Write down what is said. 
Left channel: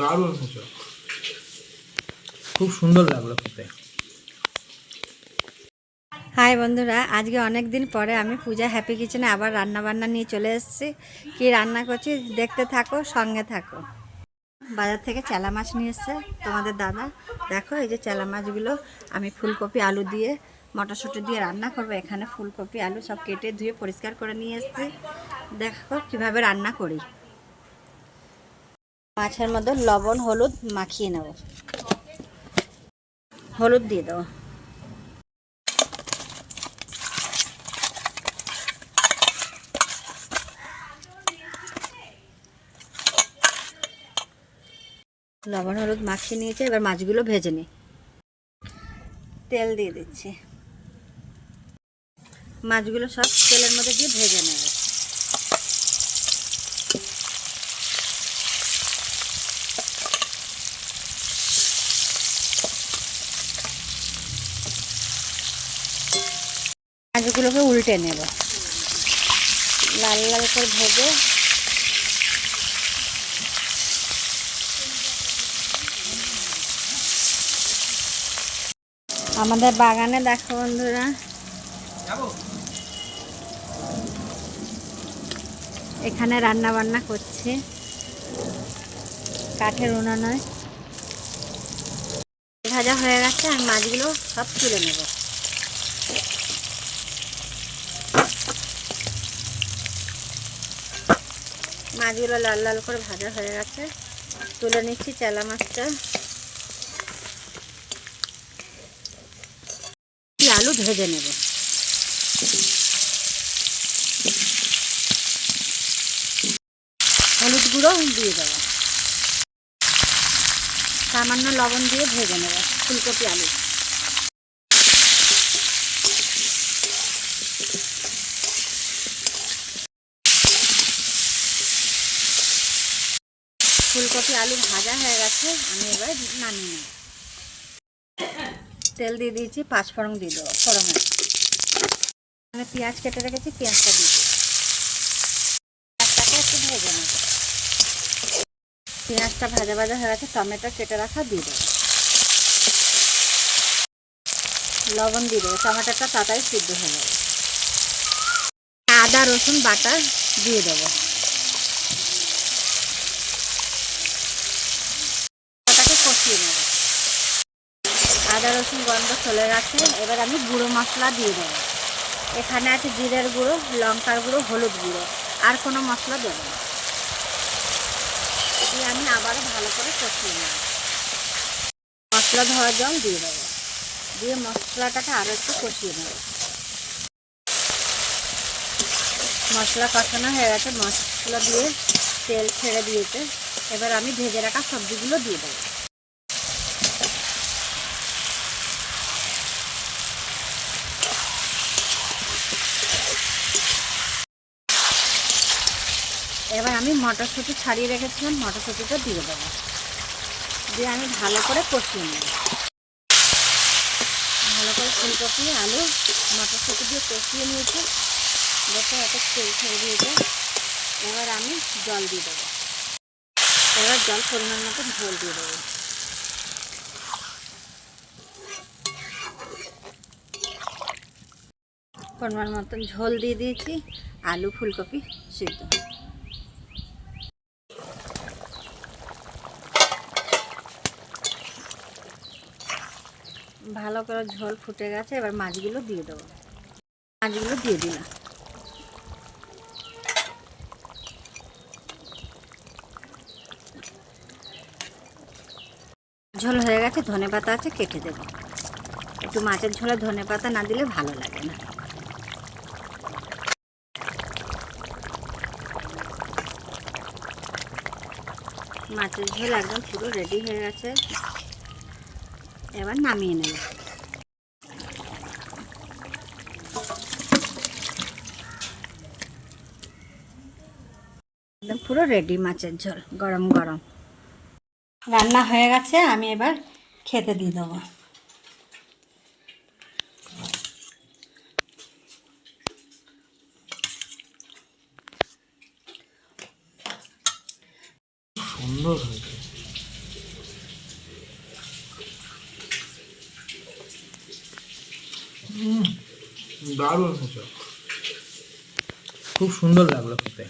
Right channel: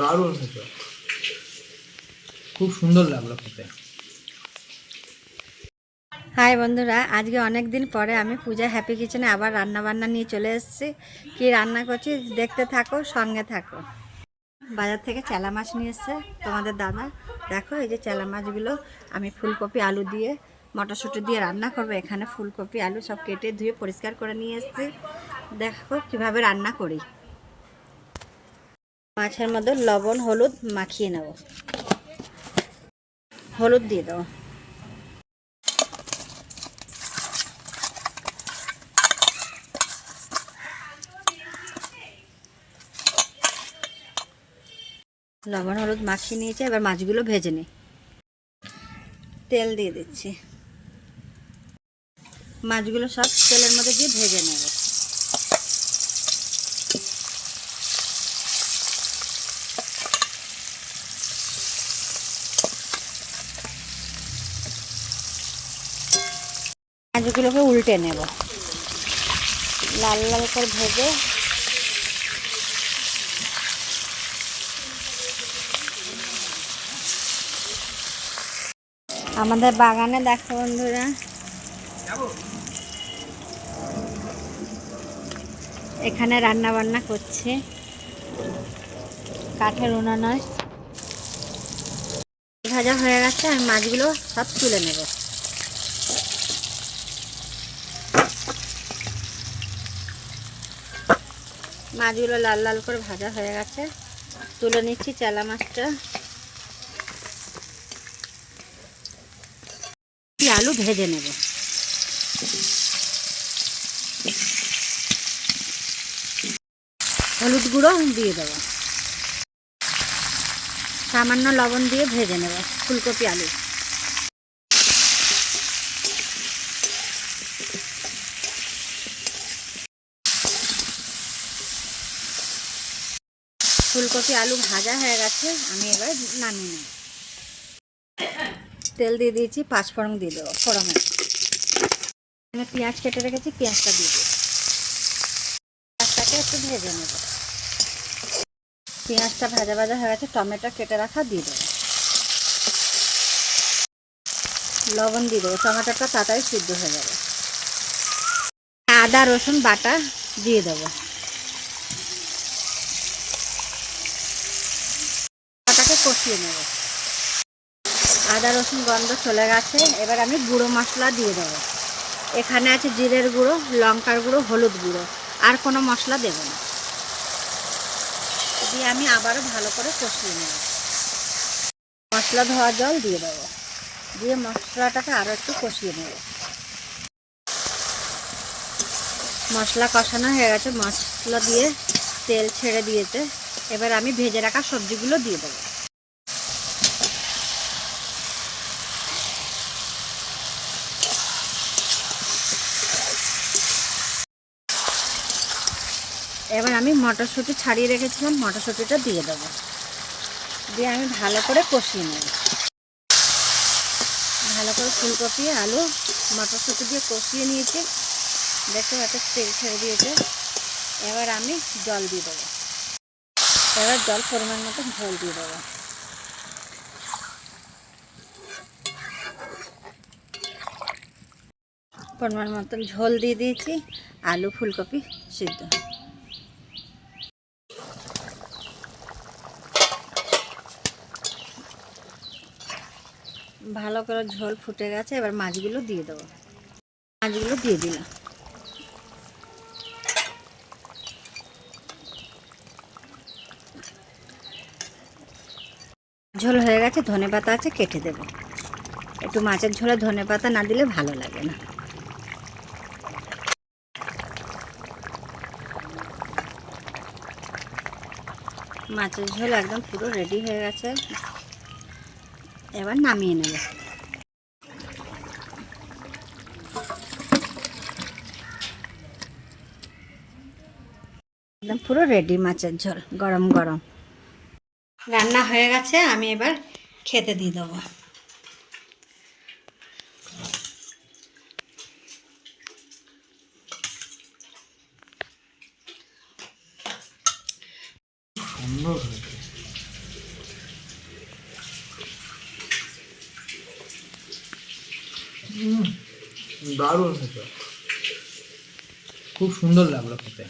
দারুণ খেতে, খুব সুন্দর লাগলো খেতে। হাই বন্ধুরা, আজকে অনেক দিন পরে আমি পূজা হ্যাপি কিচেনে আবার রান্না বান্না নিয়ে চলে এসেছি। কি রান্না করছি দেখতে থাকো, সঙ্গে থাকো। বাজার থেকে চেলা মাছ নিয়ে এসছে তোমাদের দাদা। দেখো এই যে চেলা মাছগুলো আমি ফুলকপি আলু দিয়ে মটরশুঁটি দিয়ে রান্না করবো। এখানে ফুলকপি আলু সব কেটে ধুয়ে পরিষ্কার করে নিয়ে এসেছি। দেখো কিভাবে রান্না করি। মাছের মধ্যে লবণ হলুদ মাখিয়ে নেব। হলুদ দিয়ে দেবো, লবণ হলুদ মাখিয়ে নিয়েছে। এবার মাছগুলো ভেজে নিই। তেল দিয়ে দিচ্ছি, মাছগুলো সব তেলের মধ্যে দিয়ে ভেজে নেব। মাছগুলোকে উল্টে নেব, লাল লাল করে ভেজে। আমাদের বাগানে দেখো বন্ধুরা, এখানে রান্না বান্না করছে, কাঠের উনানে ভাজা হয়ে গেছে। আর মাছগুলো সব তুলে নেব। মাছগুলো লাল লাল করে ভাজা হয়ে গেছে, তুলে নিচ্ছি চেলা মাছটা। আলু ভেজে নেব। হলুদ গুঁড়ো দিয়ে দেবো, সামান্য লবণ দিয়ে ভেজে নেব ফুলকপি আলু। ফুলকপি আলু ভাজা হয়ে গেছে, আমি এবার নামিয়ে নেব। তেল দিয়ে দিয়েছি, পাঁচফোড়ন দিয়ে দেবো ফোড়নে। এখানে পেঁয়াজ কেটে রেখেছি, পেঁয়াজটা দিয়ে দেবো। পেঁয়াজটাকে একটু ভেজে নেব। পেঁয়াজটা ভাজা ভাজা হয়ে গেছে, টমেটো কেটে রাখা দিয়ে দেবো। লবণ দিয়ে দেবো, টমেটোটা তাড়াতাড়ি সিদ্ধ হয়ে যাবে। আদা রসুন বাটা দিয়ে দেবো। বাটাকে কষিয়ে নেব। আদা রসুন গন্ধ চলে গেছে, এবার আমি গুঁড়ো মশলা দিয়ে দেবো। এখানে আছে জিরের গুঁড়ো, লঙ্কার গুঁড়ো, হলুদ গুঁড়ো, আর কোনো মশলা দেবো না। দিয়ে আমি আবারও ভালো করে কষিয়ে নেব। মশলা ধোয়া জল দিয়ে দেবো, দিয়ে মশলাটাকে আরও একটু কষিয়ে নেব। মশলা কষানো হয়ে গেছে, মশলা দিয়ে তেল ছেড়ে দিয়েছে। এবার আমি ভেজে রাখা সবজিগুলো দিয়ে দেবো। এবার আমি মটরশুঁটি ছাড়িয়ে রেখেছিলাম, মটরশুঁটিটা দিয়ে দেবো। দিয়ে আমি ভালো করে কষিয়ে নেব। ভালো করে ফুলকপি আলু মটরশুঁটি দিয়ে কষিয়ে নিয়েছি। দেখো এত তেল ছেড়ে দিয়েছে। এবার আমি জল দিয়ে দেবো। এবার জল পরিমাণ মতো ঝোল দিয়ে দেবো। পরিমাণ মতন ঝোল দিয়ে দিয়েছি। আলু ফুলকপি সিদ্ধ। ভালো করে ঝোল ফুটে গেছে, এবার মাছগুলো দিয়ে দেবো। মাছগুলো দিয়ে দিলাম। ঝোল হয়ে গেছে, ধনেপাতা আছে কেটে দেবো। একটু মাছের ঝোলে ধনেপাতা না দিলে ভালো লাগে না। মাছের ঝোল একদম পুরো রেডি হয়ে গেছে, এবার নামিয়ে নেব। একদম পুরো রেডি মাছের ঝোল, গরম গরম রান্না হয়ে গেছে। আমি এবার খেতে দিয়ে দেবো। সুন্দর হয়েছে। দারুণ হয়েছে, খুব সুন্দর লাগলো খেতে।